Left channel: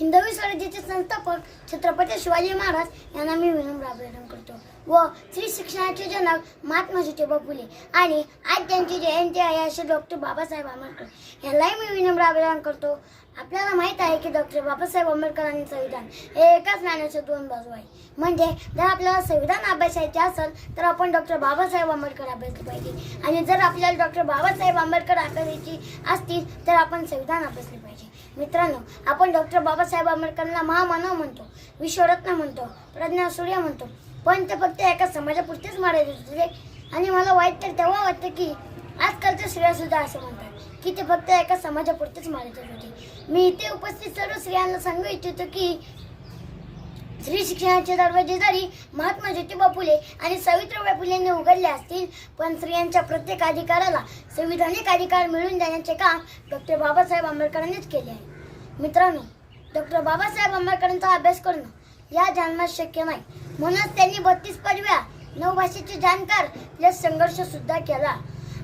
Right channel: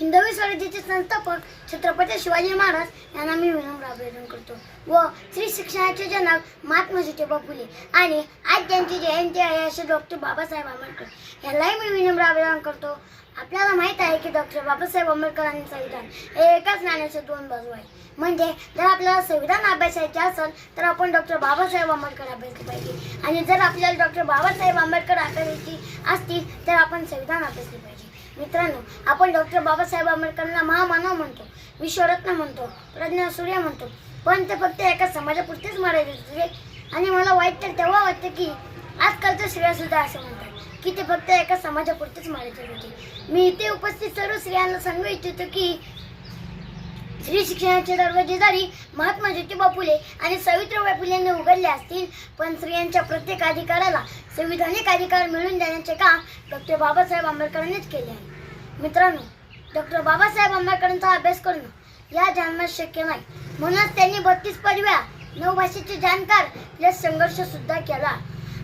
हिंदवी स्वराज्याचे संस्थापक छत्रपती शिवाजी महाराज यांना मी विनम्र अभिवादन करतो व स्त्री शिक्षणाचे जनक महात्मा ज्योतिबा फुले आणि आज त्यांची जयंती आहे असे डॉक्टर बाबासाहेब आंबेडकर यांनाही मी विनम्र अभिवादन करतो. आपल्याला माहित आहे की डॉक्टर बाबासाहेब आंबेडकरांनी संविधान हे एकाच नाण्याचे दोन बाजू आहे. म्हणजे जर आपल्याला संविधान अभ्यासायचे असेल तर आपण डॉक्टर बाबासाहेब आंबेडकर अभ्यासले पाहिजे आणि जर आपल्याला डॉक्टर बाबासाहेब आंबेडकर अभ्यासायची असतील तर आपण संविधान अभ्यासले पाहिजे. मित्रांनो, आपण डॉक्टर बाबासाहेब आंबेडकरांना महामानव म्हणतो, विश्वरत्न म्हणतो, प्रज्ञासूर्य म्हणतो, पण ते फक्त एका समाजापुरतेच मर्यादित होते. आणि मला वाईट तर तेव्हा वाटतं की आजकालच्या स्त्रिया सुद्धा असे म्हणतात की ते फक्त एका समाजापुरतेच मर्यादित होते. मी इथे उपस्थित सर्व स्त्रियांना सांगू इच्छितो की स्त्री शिक्षणाचे दरवाजे जरी महात्मा ज्योतिबा फुले आणि सावित्रीबाई फुलेंनी उघडले असतील, पण स्त्रियांच्या प्रत्येक अधिकाराला संविधानिक अधिकार मिळवून देण्याचे काम डॉक्टर बाबासाहेब आंबेडकरांनीच केले आहे. मित्रांनो, डॉक्टर बाबासाहेब आंबेडकरांचा अभ्यास करणं या जन्मात शक्य नाही, म्हणूनच त्यांनी 32 पदव्या, 9 भाषेचे जाणकार प्लस संघर्ष सुद्धा केला.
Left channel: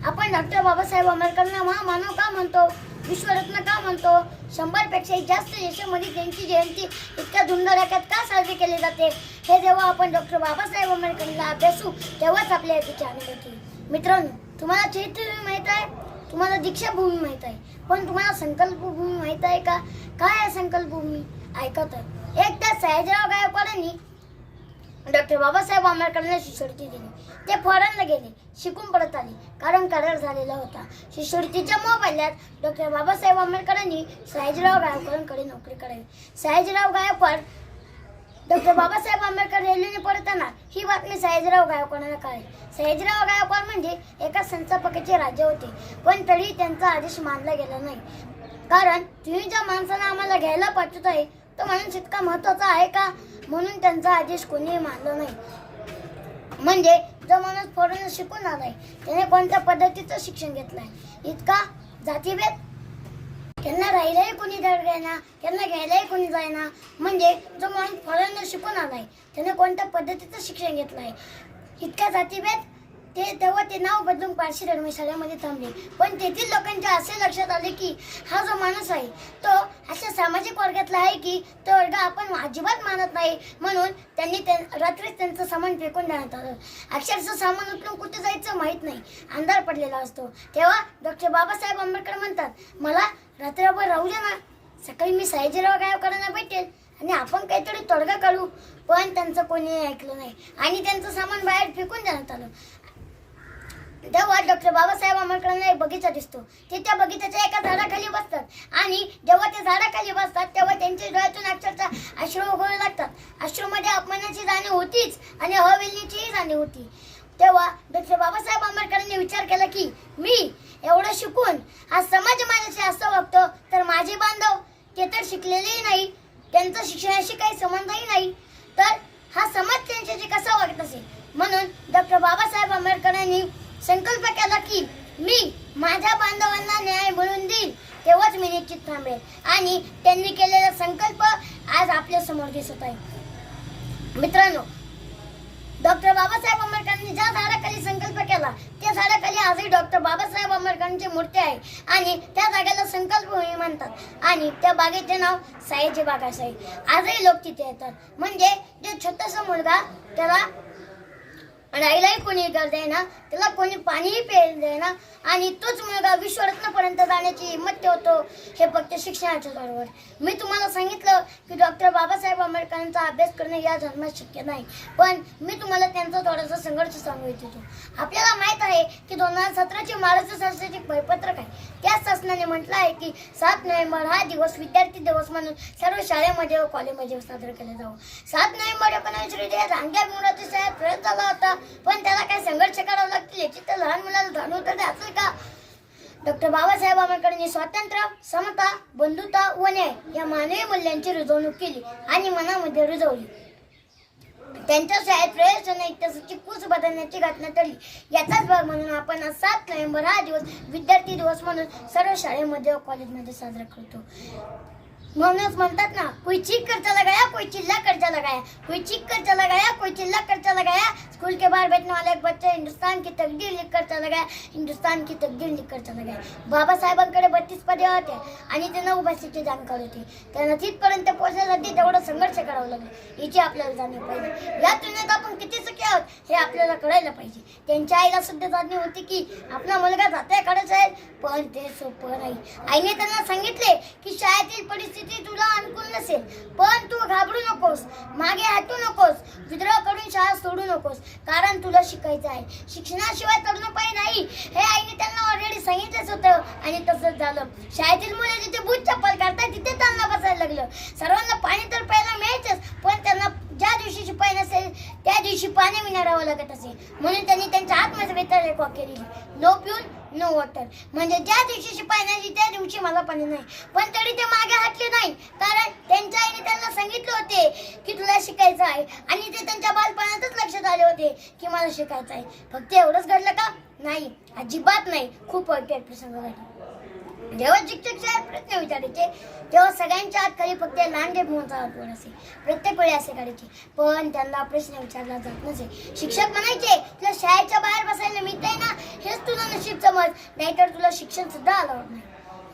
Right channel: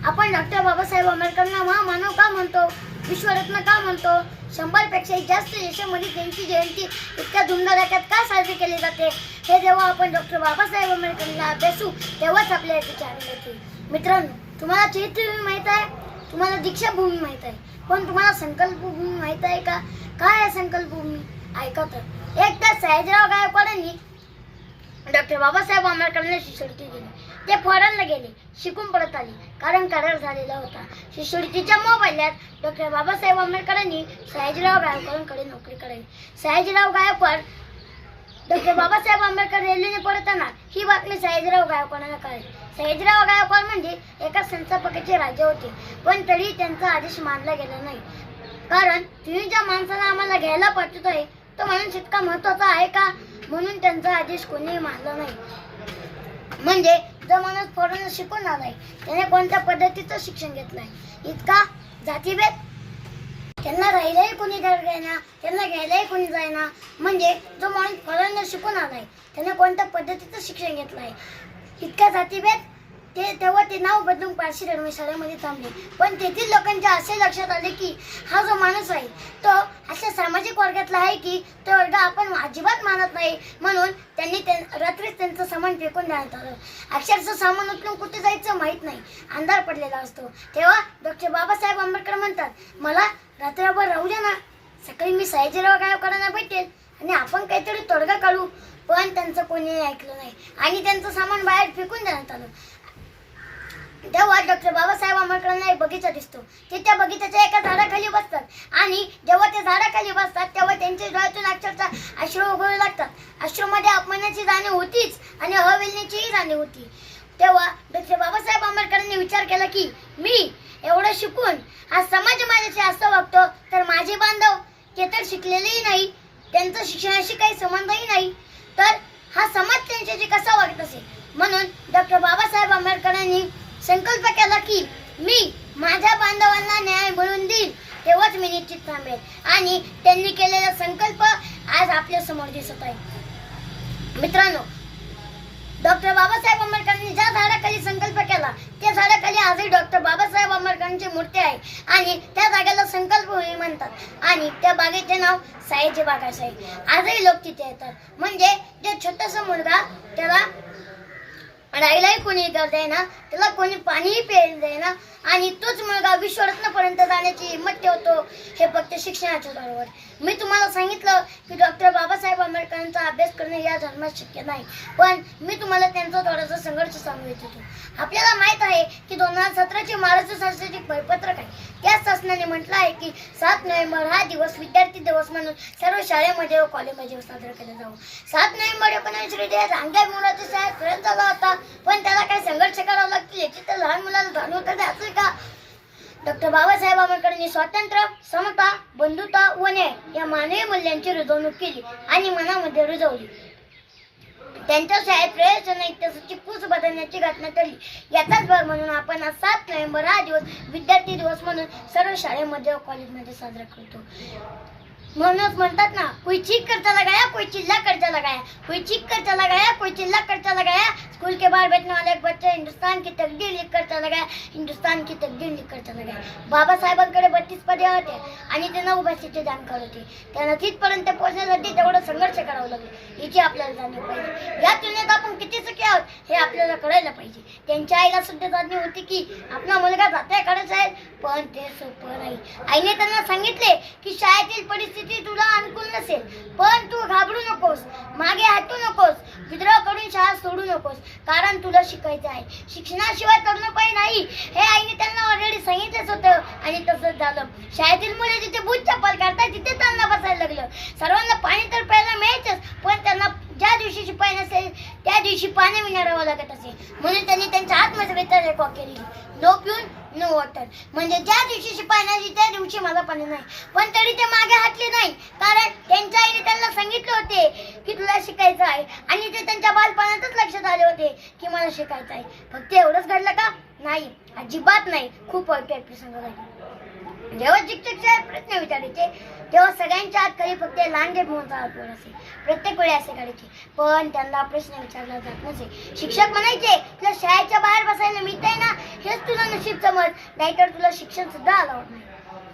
आपण डॉक्टर बाबासाहेब आंबेडकरांना महामानव का म्हणतो, विश्वरत्न का म्हणतो, 100 पेक्षाही जास्त देशामध्ये त्यांची जयंती इतक्या धुमधडाक्यात का साजरी केली जाते, हे जेव्हा आपण डॉक्टर बाबासाहेब आंबेडकरांना अभ्यासू तेव्हाच आपल्या याची आठवण येते. मित्रांनो, तुम्हाला चैत्यभूमी माहीत आहे, तुम्हाला दीक्षाभूमी माहीत आहे, पण तुम्हाला संकल्पभूमी माहीत आहे का? काय आहे संकल्पभूमी? ऐका तर. एकदा सयाजीराव गायकवाडांनी डॉक्टर बाबासाहेब आंबेडकरांना शिष्यवृत्ती दिली. ते फॉरेनला गेले, शिकून परत आले, कारण करार झालेला होता. शिष्यवृत्तीच्या मोबदल्यात डॉक्टर बाबासाहेब आंबेडकरांनी सयाजीराव गायकवाडांकडे नोकरी करावी. सयाजीराव गायकवाड डॉक्टर बाबासाहेब आंबेडकर रेल्वेने परतणार ही बातमी सयाजीराव गायकवाडांना कळली. सयाजीराव गायकवाड म्हणजे एका संस्थापकाचे राजे होते, पण तरी त्यांचा आदेश मानला गेला नाही. कारण तुम्ही ज्या माणसाला आम्हाला घ्यायला पाठवत आहे तो माणूस इतका महत्वाचा आहे का, म्हणून त्यांचा आदेश कोणीही मानला नाही. म्हणजे जो माणूस फॉरेन शिकून आलाय त्याने कोणत्या पद्धतीचं शिक्षण घेतलंय, इतका जातीभेद, त्यांना राहिलंही कोणी धड घ्यायना, त्यांना घ्यायलाही कोणी जायना. म्हणजे जो माणूस फॉरेन शिकून आलाय त्याने कोणत्या पद्धतीचं शिक्षण घेतलं आहे, इतका जातीभेद. तेव्हा ते नाव बदलून पारशी धर्मशाळेमध्ये थांबले. पण तेथील लोकांच्या असे लक्षात आले की हा जो माणूस आहे तो अशा सामाजिक वर्गातला आहे की तो वर्ग आपण अजिबात मानत नाही, म्हणून त्यांनी रात्रीच त्यांचं सामान फेकून देण्यात आलं. अक्षरशः सामान उचलून कुठे जायचं माहीत नाही, अंधार पडलेला असतो. तेव्हा डॉक्टर बाबासाहेब आंबेडकर म्हणतात, मला रात्रभर राहू द्या ना, सकाळी मी सयाजीराव गायकवाडांना भेटेल आणि आपण काहीतरी तोडगा काढू. पण त्यांचं कोणी ऐकलं नाही आणि त्यांचं सामान बाहेर फेकून देण्यात आलं. तेव्हा डॉक्टर बाबासाहेब आंबेडकरांना एक बगीचा दिसतो. ते त्या बगीच्याच्या एका झाडाखाली बसतात आणि जेव्हा ते झाडाखाली बसतात तेव्हा त्यांच्या डोळ्यातून अक्षरशः अश्रू उगळू लागतात. अश्रूमध्ये अपमानाची जाणीव होतीच आणि अविलनीचीही जाणीव होती. तेव्हा डॉक्टर बाबासाहेब आंबेडकरांनी विचार केला की मी एवढं शिकून हा समाज माझ्याशी असं वागतो, तर माझे बांधव ते तर शिकलेलेही नाही, त्यांचं शिक्षणाशी काही संबंधही नाही, तर हा समाज त्यांच्याशी कसा वागत असेल. म्हणून डॉक्टर बाबासाहेब आंबेडकरांनी संकल्प केला की मी माझ्या बांधवांना न्याय मिळवून देईन, तेव्हाच मी निश्चित थांबेल. आणि त्यांनी केलेला संकल्प आज आपल्या समोर दिसत आहे. मित्रांनो, डॉक्टर बाबासाहेब आंबेडकरांनी ज्या झाडाखाली संकल्प केला त्या झाडाखाली आजही डॉक्टर बाबासाहेब आंबेडकरांची मूर्ती आहे आणि त्या जागेला संकल्पभूमी म्हणतात आणि त्या बागेचे नाव सयाजी बाग असे आहे. आजही लोक तिथे येतात. म्हणजे जे छोटासा मुलगा त्याला राहिलाही कोणी देईना, त्याला कोणी पाणीही प्यायला देईना आणि तोच मुलगा विश्वरत्नपर्यंत जाण्याची हिंमत ठेवतो, हे फक्त शिक्षणाच्या बरोबर. मी तुम्हाला सांगितलं की डॉक्टर बाबासाहेब आंबेडकरांचा अभ्यास करणे या जन्मात शक्य नाही, पण मी तुम्हाला त्यांचा थोडासा संघर्ष सांगू इच्छितो. आपल्याला माहित आहे की 2017चे महाराष्ट्र शासनाचे परिपत्रक आहे. त्या शासनाने म्हटलं आहे की 7 नोव्हेंबर हा दिवस विद्यार्थी दिवस म्हणून सर्व शाळेमध्ये व कॉलेजमध्ये साजरा केला जावा. 7 नोव्हेंबर 19 रोजी रांग्या विमोराच्या शाळेत प्रयोग झाला होता, पण त्याला काही संघर्ष करावा लागतील याची तर लहान मुलाला जाणीव तर असेल का? डॉक्टर बाबासाहेब आंबेडकरांनी स्वातंत्र्य, समता, बंधुता व न्याय या मानवी मूल्यांची रुजवणूक केली आणि मनामध्ये रुजवली. त्यांच्या शाळेत प्रयोजन इतिहासाची पूस बदलण्याची घटना ठरली. याचाच भाग म्हणून आपण 7 नोव्हेंबर हा दिवस विद्यार्थी दिवस म्हणून सर्व शाळेमध्ये व कॉलेजमध्ये साजरा करतो. म्हणूनच म्हणतात ना, कोई चीख कर चला गया, कोई चिल्ला कर चला गया, कोई चीख कर चला गया, कोई चिल्ला कर चला गया। स्कूल के बाहर बैठने वाला एक बच्चा हिंदुस्तान की तकदीर लिख कर चला गया, हिंदुस्तान की तकदीर लिख कर चला गया। बाबासाहेबांकडे 32 पदे होते आणि त्यांना ओबीसीचे जाणकार होते। त्यांना तिथपर्यंत पोहोचण्यासाठी तेवढा संघर्ष करावा लागला, याची आपल्याला जाणीव पाहिजे। या तुलनेत आपण किती सुखी आहोत हे आपल्याला कळायला पाहिजे। त्यांच्या आईला सुद्धा जाणीव होती की आपला मुलगा जाते काढत जाईल, पण ते सोपं नाही। आईने त्यांना सांगितले की शाळेतील परिस्थिती तुला अनुकूल नसेल, पण तू घाबरू नकोस, मागे हटू नकोस, विद्रोह करून शाळा सोडू नकोस, कारण तुला शिकायचं आहे। शिक्षणाशिवाय तरुणपण नाही हे आईने त्यांना ऑलरेडी सांगितलंच होतं आणि तसंच झालं। शाळेतील मुले जिथे बूट चप्पल काढतात तिथे त्यांना बसायला लागलं। सर्वांना पाणी तर प्यायला मिळायचंच, पण त्यांना ज्या दिवशी शिपाई नसेल त्या दिवशी पाणी विणारावं लागत असे। म्हणून त्यांनी त्यांच्या आत्मसभेत एक वाक्य लिहिले, नो प्यून नो वॉटर, म्हणजे ज्या दिवशी शिपाई नाही त्या दिवशी मला पाणी नाही। पण तरी ते मागे हटले नाही, कारण त्यांच्या आईने त्यांना सांगितले होते की तुला शिकायचं आहे आणि ते त्यांच्या बालपणातच लक्षात आले होते की मला शिकायचं आहे। फक्त एवढंच घडलं का? नाही, अजिबात नाही। खूप वाईट प्रसंग घडला। जेव्हा शिक्षक प्रश्न विचारायचे तेव्हा सगळ्यांच्या हात खाली फक्त लांडगे मोहनचा हात वर असे। प्रत्येक वेळी असे करायचे, पण त्यांना प्रश्न विचारला जात नसे। शिक्षक म्हणायचे, तुला शाळेच्या बाहेर बसायला मिळतंय ना, हेच तुला नशीब समज, नाहीतर तुला शिक्षण सुद्धा अलाउड नाही।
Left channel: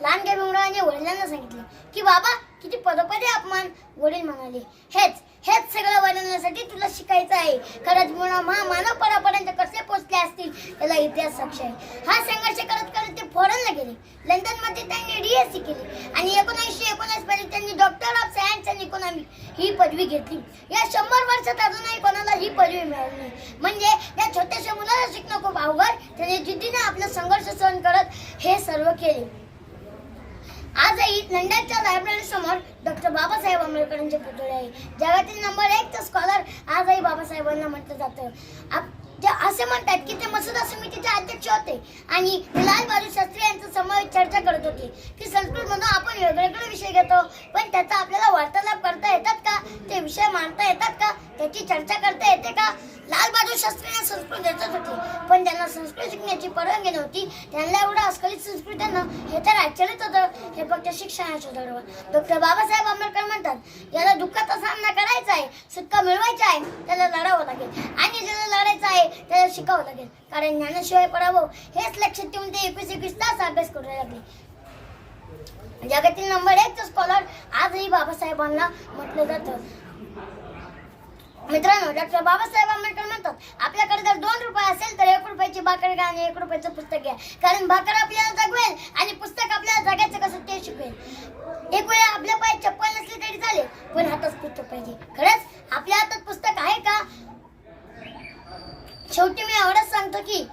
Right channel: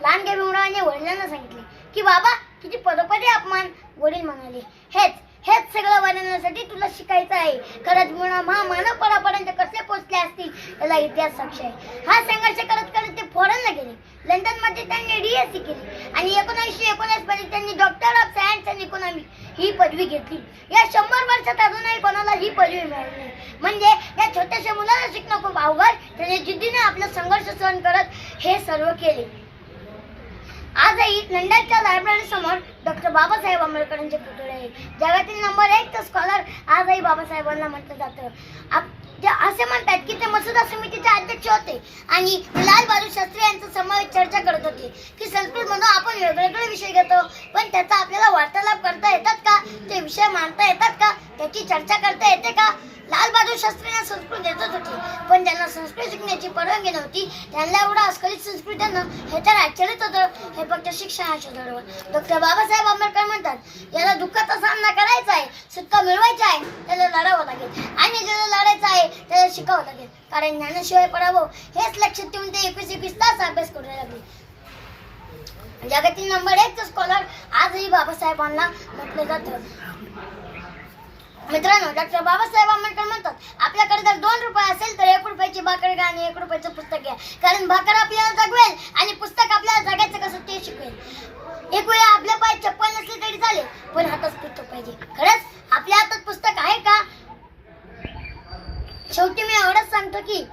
लांडगे भीमरावांनी वडिलांना सांगितले की बाबा किती पदोपदी अपमान। वडील म्हणाले, हेच सगळं वाढवण्यासाठी तुला शिकायचं आहे। खरंच मानव परापर्यंत कसे पोहोचले असतील याला इतिहास साक्ष आहे। हा संघर्ष करत करत ते फॉरेनला गेले। लंडनमध्ये त्यांनी DSc केली आणि 1919 मध्ये त्यांनी doctor of science and economy ही पदवी घेतली। या 100 वर्षात अजूनही कोणाला ही पदवी मिळाली नाही। म्हणजे या छोट्याशा मुलाला शिकणं खूप अवघड, त्याने जिद्दीने आपला संघर्ष सहन करत हे सर्व केले। आजही लंडनच्या लायब्ररी समोर डॉक्टर बाबासाहेब आंबेडकरांचे पुतळे आहे। जगातील नंबर 1 स्कॉलर आजही बाबासाहेबांना म्हटलं जातं। ते असे म्हणतात की ते मसुदा समितीचे अध्यक्ष होते आणि लाल बहादूर शास्त्री यांचा समावेश चर्चा करत होते की संस्कृतमधून आपण वेगवेगळे विषय घेतो, पण त्याचा आपल्याला वार्तालाप करता येतात का, ते विषय मांडता येतात का, त्याची चर्चा करता येते का। लाल बहादूर शास्त्रींना संस्कृत येतच होती, पण त्यांना संस्कृत शिकण्याची परवानगी नव्हती। त्यांना एवढं अस्खलित संस्कृत येणं हे तर आश्चर्यच होतं। हे फक्त शिक्षणाची दडवण। डॉक्टर बाबासाहेब आंबेडकर म्हणतात, याला दुःखाचा सामना करायचा आहे, सुटका मिळवायचा आहे, त्याला लढावं लागेल आणि ज्याला लढायचं आहे त्याला शिकावं लागेल, कारण ज्ञानाशिवाय पडावं हेच लक्षात ठेवून ते 21 तास अभ्यास करू लागले। जगातील नंबर 1 स्कॉलर आजही बाबासाहेबांना म्हटलं जातं। मित्रांनो, डॉक्टर बाबासाहेब आंबेडकर म्हणतात, आपल्याकडे जर 2 रुपये असेल तर 1 रुपयाची भाकर घ्या आणि 1 रुपयाचं पुस्तक घ्या, कारण भाकर आपल्याला जगवेल आणि पुस्तक आपल्याला जगायचं कसं ते शिकवेल। एक वेळा आपल्या पायात चप्पल नसली तरी चालेल, पण हातात पुस्तक पाहिजे। खरंच आपल्या हातात पुस्तक आहे का? शेवटी मी एवढंच सांगतो की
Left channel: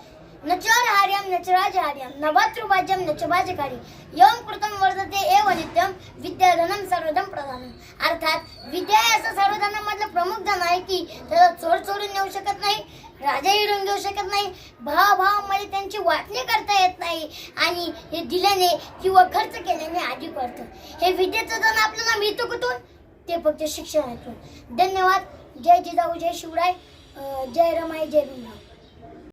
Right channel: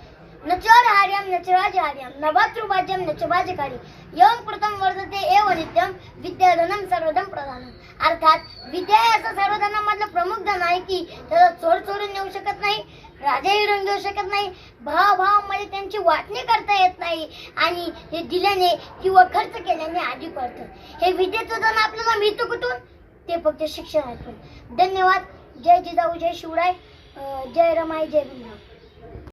नचोरहार्यम नचराजहार्यम नभतृभाज्यम नचभाजकारी यम कृतम वर्धते एव नित्यम विद्याधनम सर्वधन प्रधानम। अर्थात विद्या असं सर्वधनामधलं प्रमुख धन आहे की त्याला चोर चोरून नेऊ शकत नाही, राजा हिरून घेऊ शकत नाही, भावामध्ये त्यांची वाटणी करता येत नाही आणि हे दिल्याने किंवा खर्च केल्याने आधी पडतं। हे विद्येचं धन आपल्याला मिळतं कुठून? ते फक्त शिक्षणातून। धन्यवाद। जय जिजाऊ, जय शिवराय, जय रमाई, जय भीमराव।